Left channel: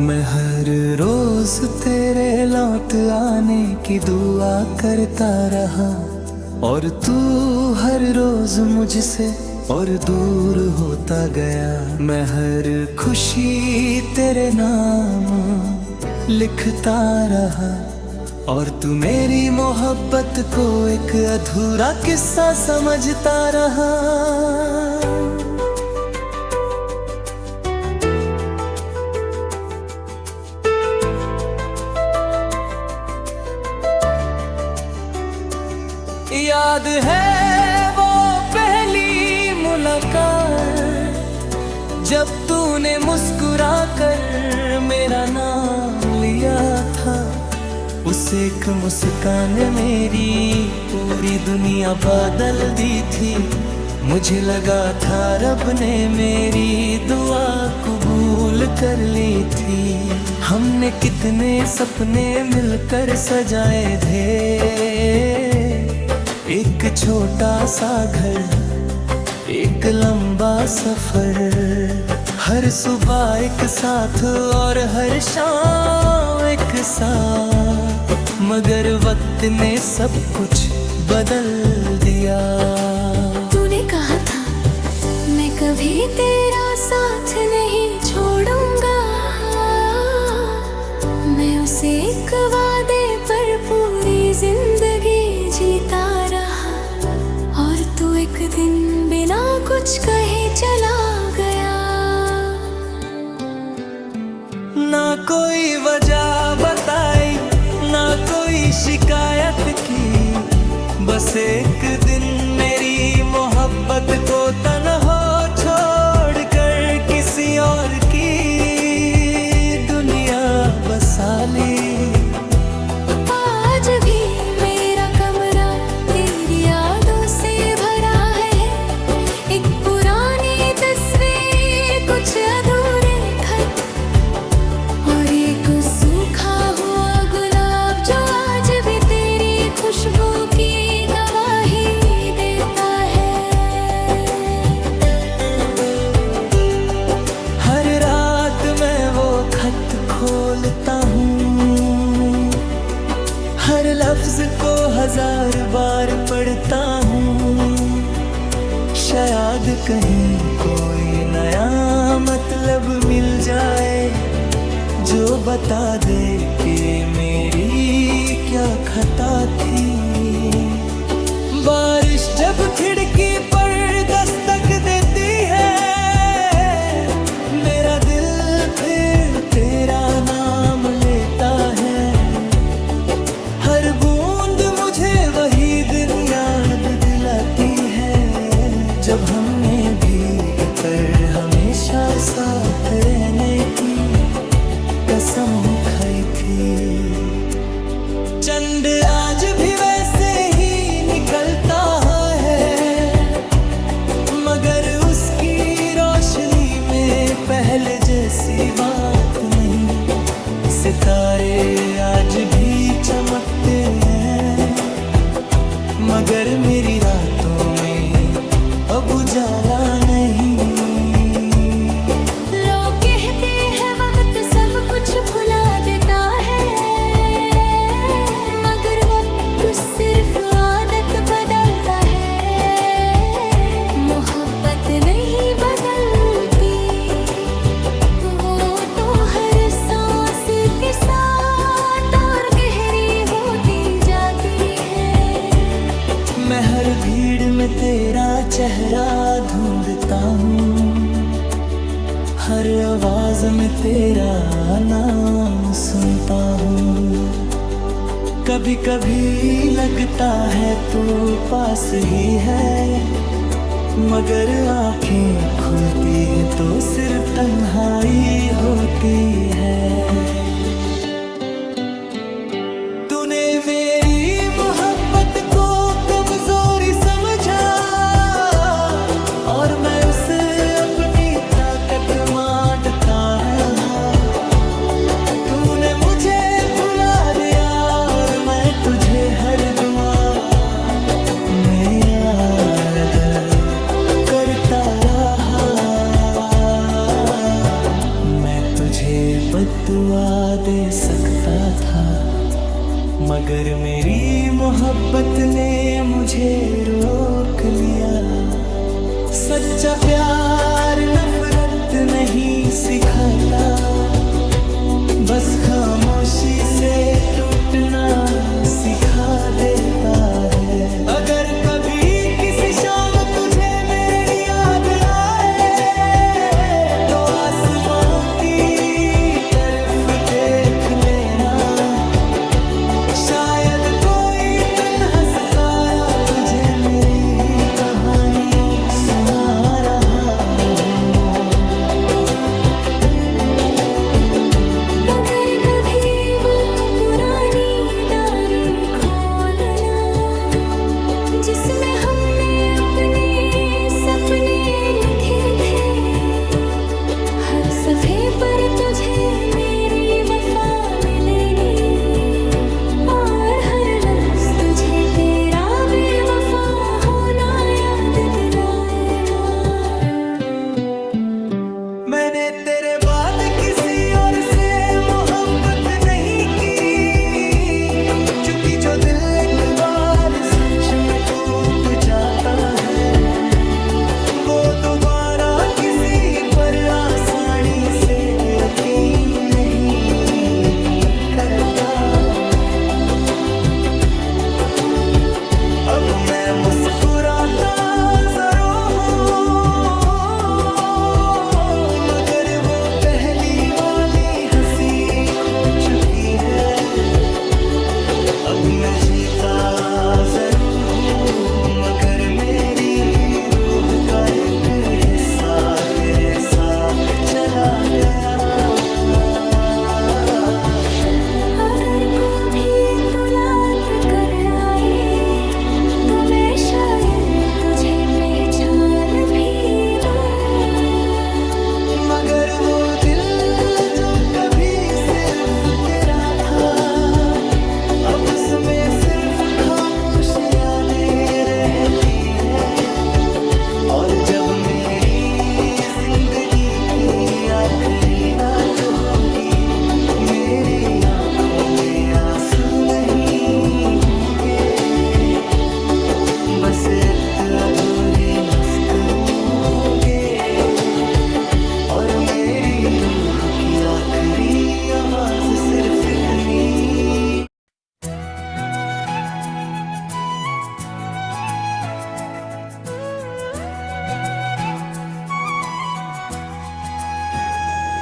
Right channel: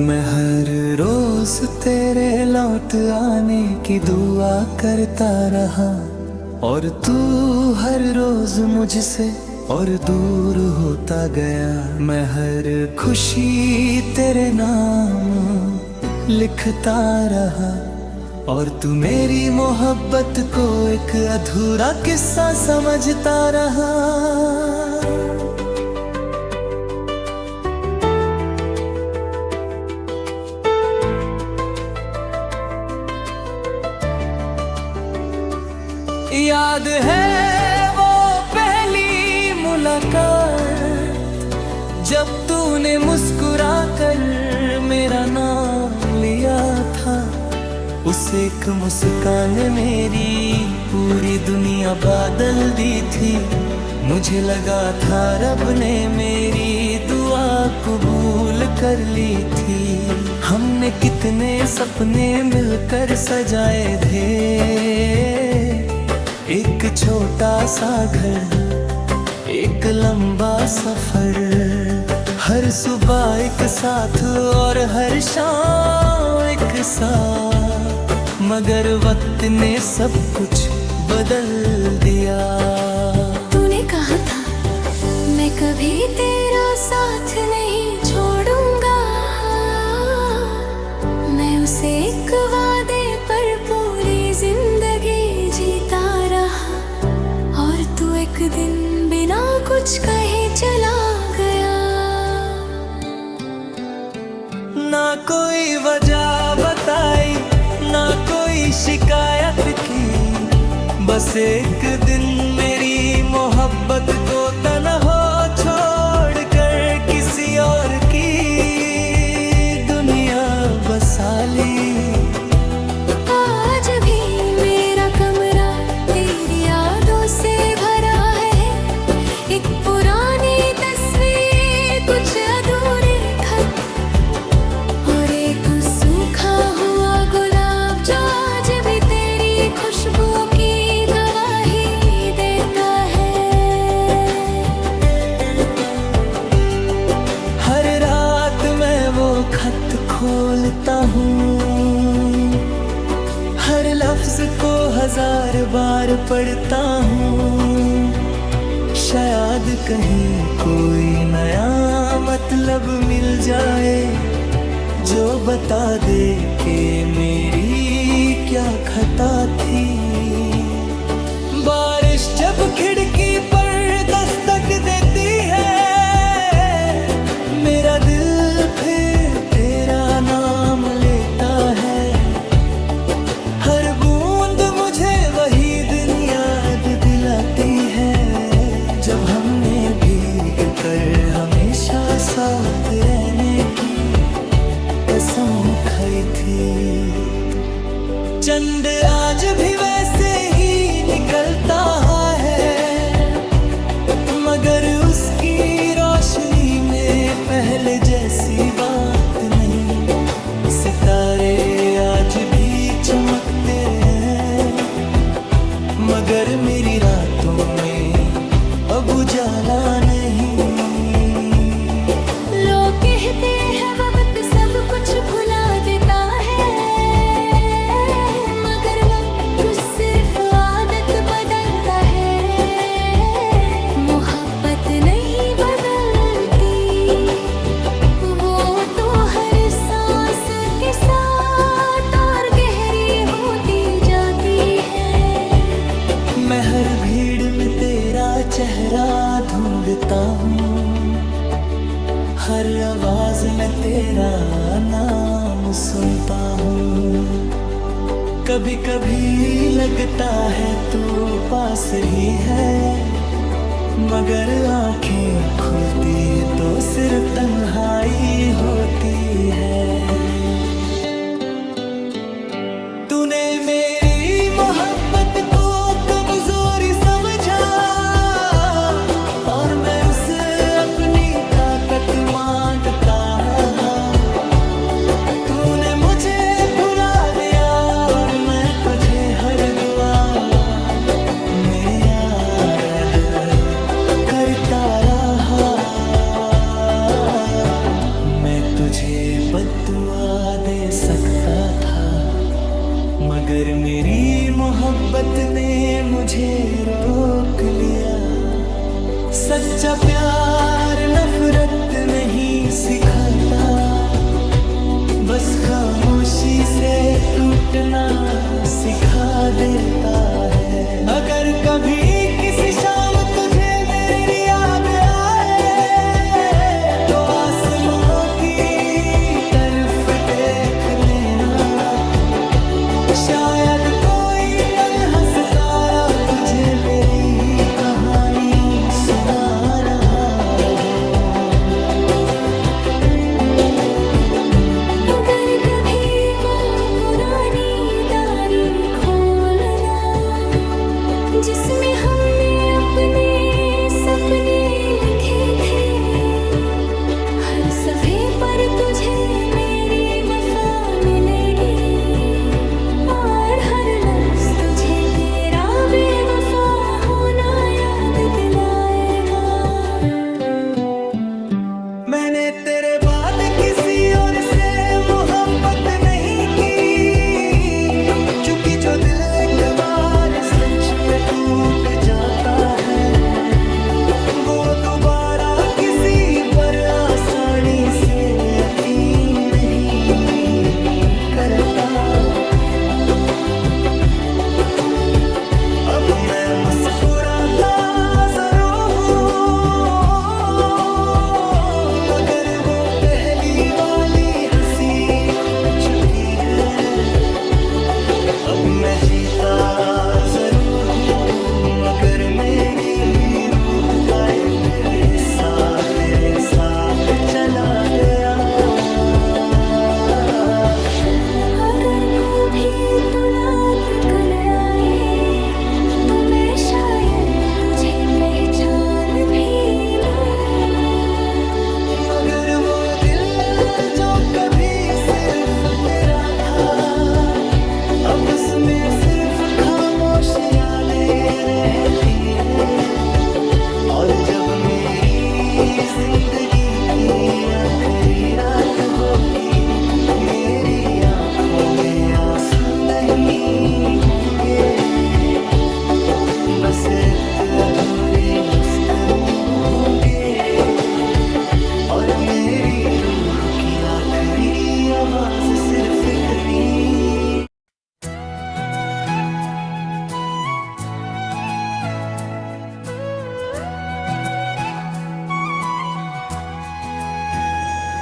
मैं हर रोज तेरे लौट आने की दुआ करता रहा, और तू हर रोज मुझसे और दूर होता गया। मैं हर खुशी तेरे नाम लिखता रहा, और तू मेरी मोहब्बत को एक अधूरा किस्सा समझता रहा। याद है वो पहली मुलाकात, जब तूने मुस्कुरा कर मेरा नाम लिया था। उस एक मुस्कान ने मेरी पूरी दुनिया बदल दी थी। मुझे लगा था रब ने मेरी दुआ कबूल कर ली थी। हमने कितने सपने मिलकर सजाए थे, एक छोटा सा घर, एक लंबा सफर, हर सुबह एक साथ और हर शाम एक साथ। मगर वक्त ने सब कुछ बदल दिया। तूने कहा था मैं कभी तेरा साथ नहीं छोड़ूंगा, मैं उसे एक वादे पर पूरी जिंदगी जीता रहा। और तू एक दिन बिना कुछ कहे चला गया। ना कोई वजह बताई, ना कोई शिकायत की, बस एक दिन मेरी मोहब्बत को तन्हा छोड़ कर किसी और की दुनिया बसा ली। आज भी मेरा कमरा तेरी यादों से भरा है, एक पुरानी तस्वीर, कुछ अधूरे खत और एक सूखा हुआ गुलाब जो आज भी तेरी खुशबू की गवाही देता है। हर रात मैं वो खत खोलता हूँ, हर लफ्ज को 1000 बार पढ़ता हूँ। शायद कहीं कोई नया मतलब मिल जाए, जो बता दे कि मेरी क्या खता थी। बारिश जब खिड़की पर दस्तक देती है, मेरा दिल फिर तेरा नाम लेता है। हर बूंद मुझे वही दिन याद दिलाती है, जब हमने भीग कर हमेशा साथ रहने की कसम खाई थी। चंद आज भी वैसे ही निकलता है, मगर उसकी रोशनी में पहले जैसी बात नहीं। सितारे आज भी चमकते हैं, मगर मेरी रातों में अब उजाला नहीं। लोग कहते हैं वक्त सब कुछ भुला देता है, मगर वक्त सिर्फ आदत बदलता है। मोहब्बत नहीं बदलती, वो तो हर सांस के साथ और गहरी होती जाती है। मैं हर भीड़ में तेरा चेहरा ढूंढता हूँ, हर आवाज में तेरा नाम सुनता हूँ। कभी कभी लगता है तू पास ही है, मगर आंखें खुलती है तो सिर्फ तन्हाई होती है। तूने मेरी मोहब्बत को कमजोरी समझा, और मैं उसे अपनी ताकत मानता है। तूने मुझे भुला दिया और मैं तुझे हर दुआ में याद करता रहा। मैं तुझे बद्दुआ दे सकता था, मगर मेरी मोहब्बत ने मुझे रोक लिया। सच्चा प्यार नफरत नहीं सिखाता, बस खामोशी से टूटना सिखा देता है। अगर कभी किसी शाम तुझे मेरी याद आए, तो आसमां की तरफ देख लेना, शायद कोई तन्हा सितारा तुझे मेरी कहानी सुना रहा हो। अगर कभी वो पुरानी डायरी खोलना, जिसमें हमने अपने सपने लिखे थे, हर सफ़े पर तुझे मेरी वफा मिलेगी, और हर लफ्ज़ तुझे तेरा बेवफा होना याद दिलाएगा। मैंने तेरे बाद किसी और से मोहब्बत नहीं की, क्योंकि जो दिल एक बार सच में टूट जाता है, वो दोबारा किसी पर आसानी से यकीन नहीं करता। अब मैं मुस्कुराता जरूर हूँ, मगर वो पहली वाली हंसी खो चुकी है। अब मैं जीता जरूर हूँ, मगर मेरी रूह का एक हिस्सा तेरे साथ चला गया। अगर कभी तुलात कल आए, तो मैं शायद तुझे पहचान भी लूं, मगर वो दिल जो कभी सिर्फ तेरा था, अब उसमें सिर्फ खामोश यादें रहती हैं। और जब मेरी जिंदगी की आखिरी रात होगी, मेरी आंखों में आंसू नहीं होंगे, बस एक अधूरी मुस्कुराहट होंगे, और मेरी रूह की आखिरी आवाज सिर्फ इतनी।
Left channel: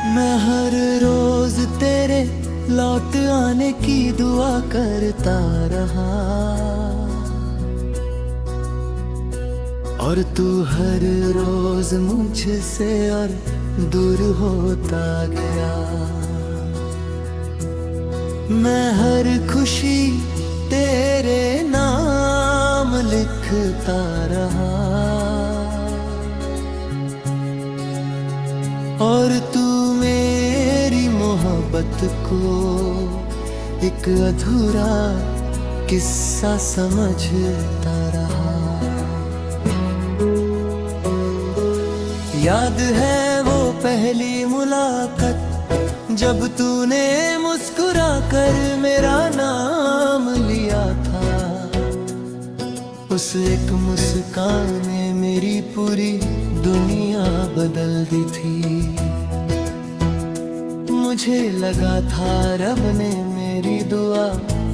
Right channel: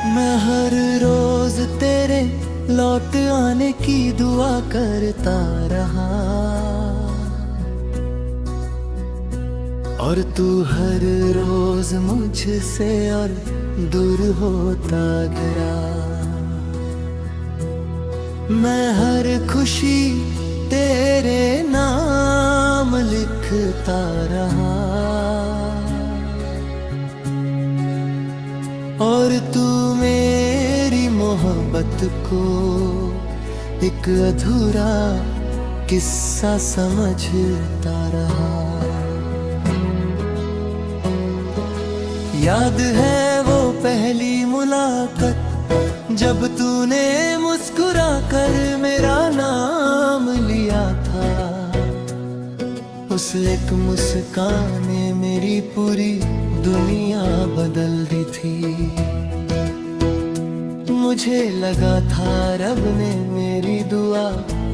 मैं हर रोज तेरे लौट आने की दुआ करता रहा, और तू हर रोज मुझसे और दूर होता गया। मैं हर खुशी तेरे नाम लिखता रहा, और तू मेरी मोहब्बत को एक अधूरा किस्सा समझता रहा। याद है वो पहली मुलाकात, जब तूने मुस्कुरा कर मेरा नाम लिया था। उस एक मुस्कान ने मेरी पूरी दुनिया बदल दी थी। मुझे लगा था रब ने मेरी दुआ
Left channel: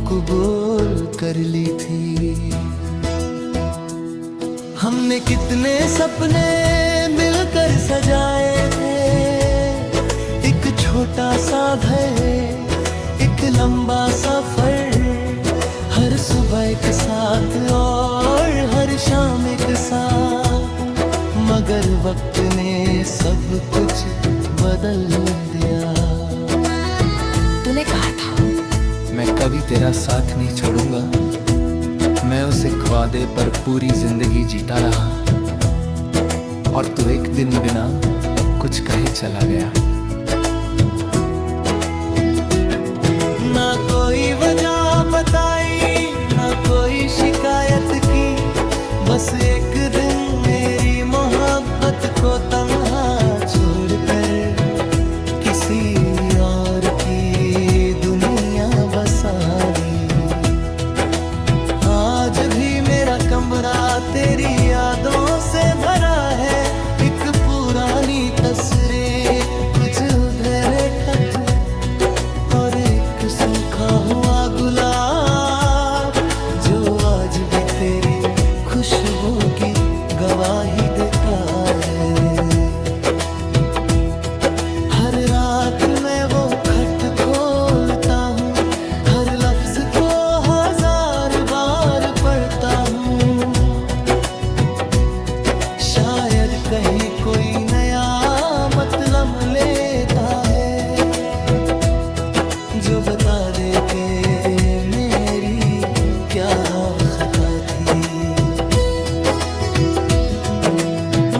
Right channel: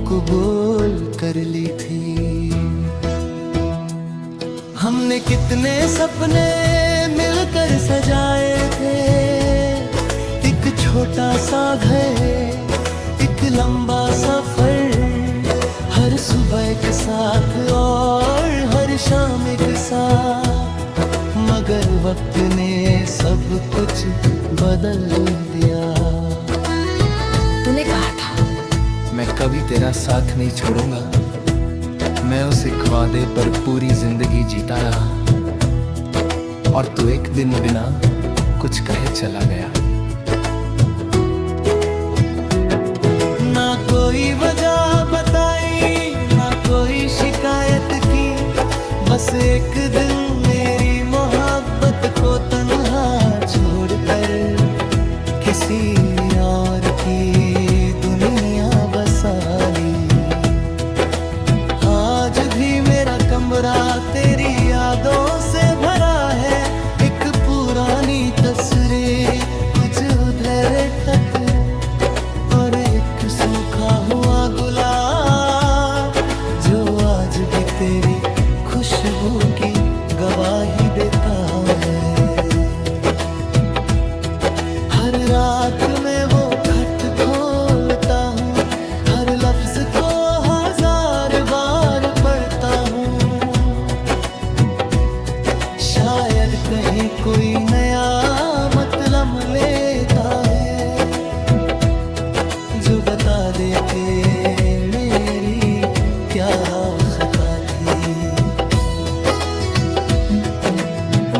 कबूल कर ली थी। हमने कितने सपने मिलकर सजाए थे, एक छोटा सा घर, एक लंबा सफर, हर सुबह एक साथ और हर शाम एक साथ। मगर वक्त ने सब कुछ बदल दिया। तूने कहा था मैं कभी तेरा साथ नहीं छोड़ूंगा। मैं उस एक वादे पर पूरी जिंदगी जीता रहा, और तू एक दिन बिना कुछ कहे चला गया। ना कोई वजह बताई, ना कोई शिकायत की, बस एक दिन मेरी मोहब्बत को तन्हा छोड़कर किसी और की दुनिया बसा ली। आज भी मेरा कमरा तेरी यादों से भरा है, एक पुरानी तस्वीर, कुछ उधर खत और एक सूखा हुआ गुलाब जो आज भी तेरी खुशबू की गवाही देता है। हर रात मैं वो खत खोलता हूँ, हर लफ्ज को 1000 बार पढ़ता हूँ। शायद कहीं कोई नया मतलब लेता है जो बता दे के मेरी क्या खता थी।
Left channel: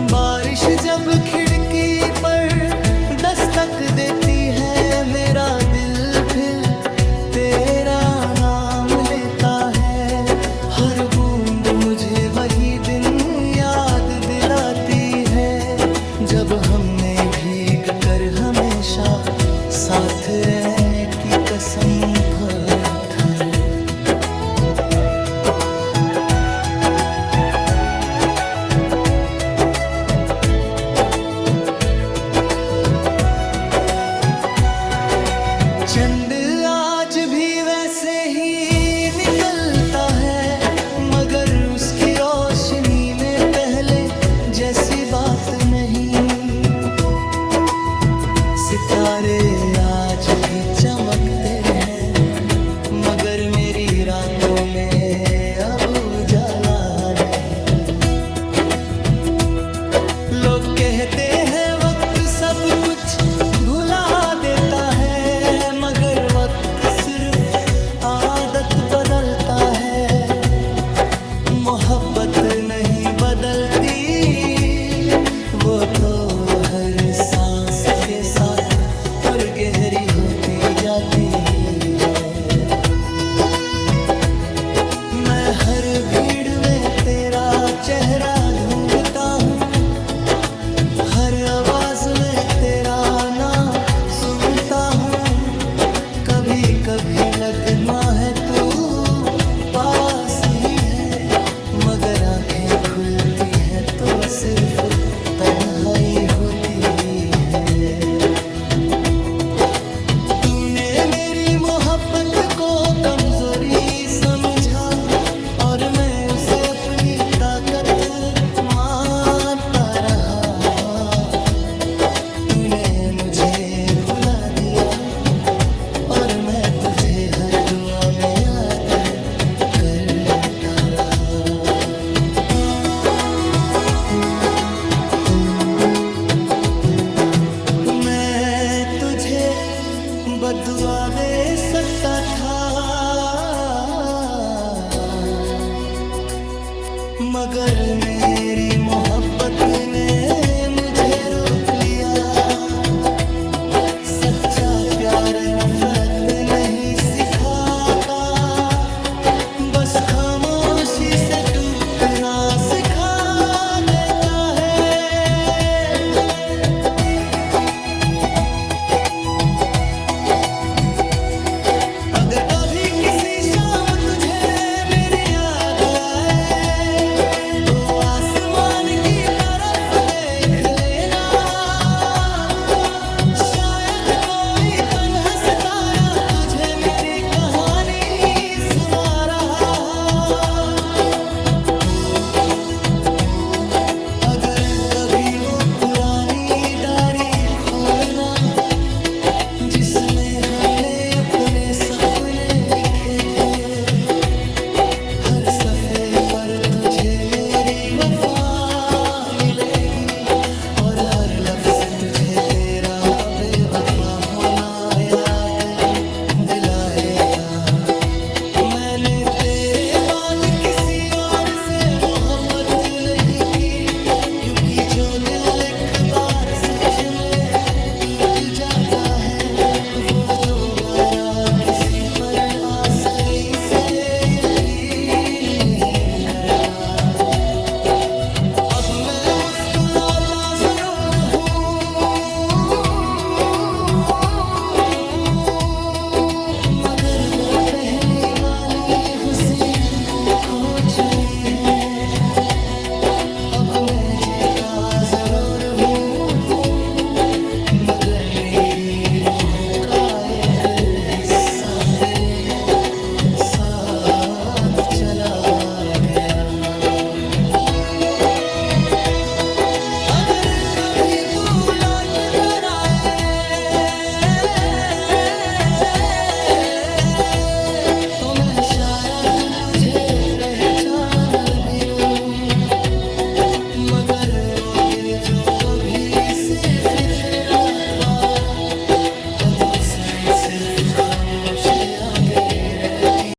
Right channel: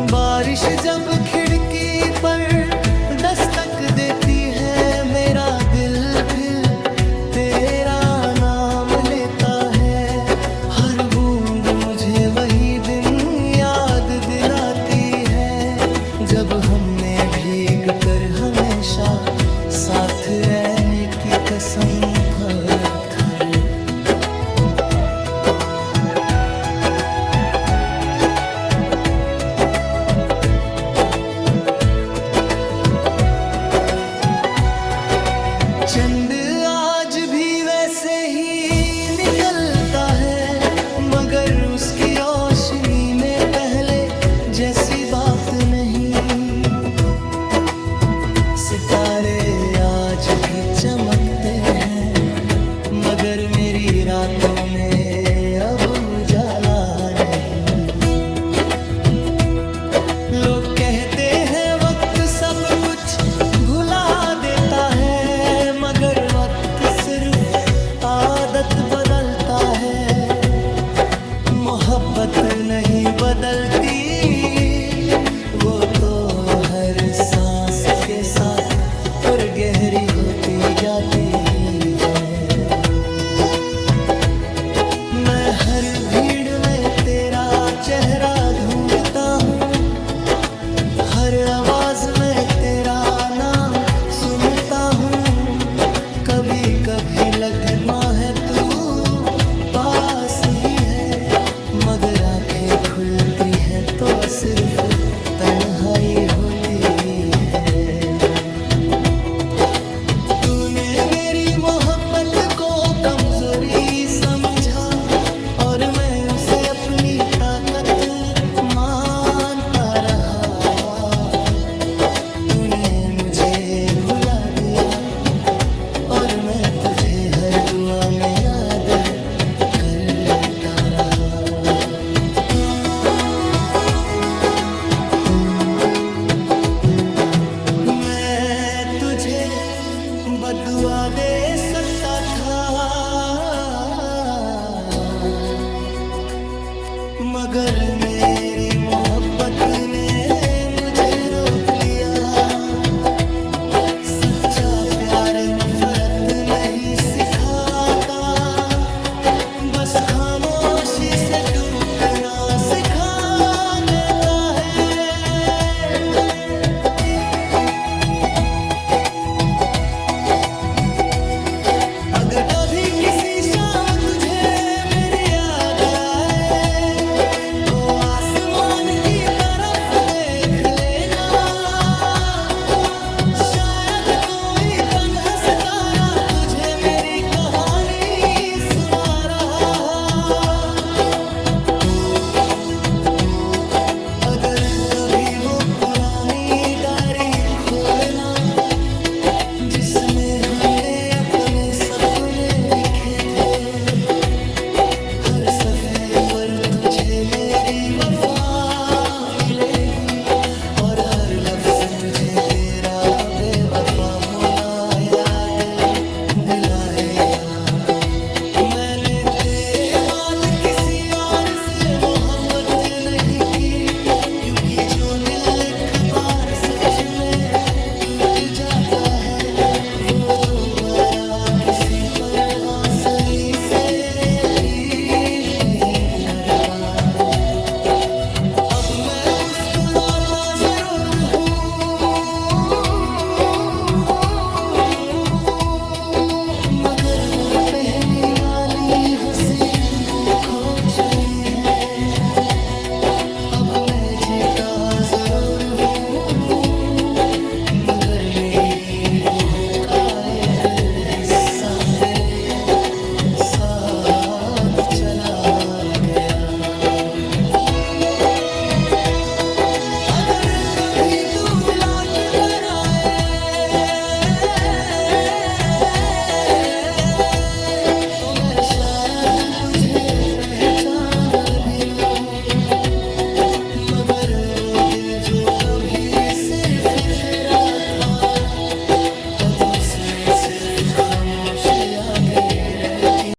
बारिश जब खिड़की पर दस्तक देती है, मेरा दिल फिर तेरा नाम लेता है। हर बूंद मुझे वही दिन याद दिलाती है जब हमने भीग कर हमेशा साथ रहने की कसम खाई। चंद आज भी वैसे ही निकलता है, मगर उसकी रोशनी में पहले जैसी बात नहीं। सितारे आज भी चमकते हैं, मगर मेरी रातों में अब उजाला नहीं। लोग कहते हैं वक्त सब कुछ भुला देता है, मगर वक्त सिर्फ आदत बदलता है। मोहब्बत नहीं बदलती, वो तो हर सांस के साथ और गहरी होती जाती है। मैं हर भीड़ में तेरा चेहरा ढूंढता हूँ, हर आवाज में तेरा नाम सुनता हूँ। कभी कभी लगना है तू पास ही है, मगर आंखें खुलती है तो सिर्फ तन्हाई होती है। तूने मेरी मोहब्बत को कमजोरी समझा और मैं उसे अपनी ताकत मानता रहा। तूने मुझे भुला दिया और मैं तुझे हर दुआ में याद करता रहा। मैं तुझे बद्दुआ दे सकता था, मगर मेरी मोहब्बत ने मुझे रोक लिया। सच्चा प्यार नफरत नहीं सिखाता, बस खामोशी से टूटना सिखा देता है। अगर कभी किसी शाम तुझे मेरी याद आए तो आसमान की तरफ देख लेना, शायद कोई तन्हा सितारा तुझे मेरी कहानी सुना रहा। अगर कभी वो पुरानी डायरी खोलना जिसमें हमने अपने सपने लिखे थे, हर सफ़े पर तुझे मेरी वफा मिलेगी और हर लफ्ज तुझे तेरा बेवफा होना याद दिलाएगा। मैंने तेरे बाद किसी और से मोहब्बत नहीं की, क्योंकि जो दिल एक बार सच में टूट जाता है वो दोबारा किसी पर आसानी से यकीन नहीं करता। अब मैं मुस्कुराता जरूर हूँ, पहली वाली हंसी हो चुकी है, अब मैं जीता जरूर हूँ, मगर मेरी रूह का एक हिस्सा तेरे साथ चला गया। अगर कभी तू लौट कर आए तो मैं शायद तुझे पहचान भी लूं, मगर वो दिल जो कभी सिर्फ तेरा था, अब उसमें सिर्फ खामोश यादें रहती।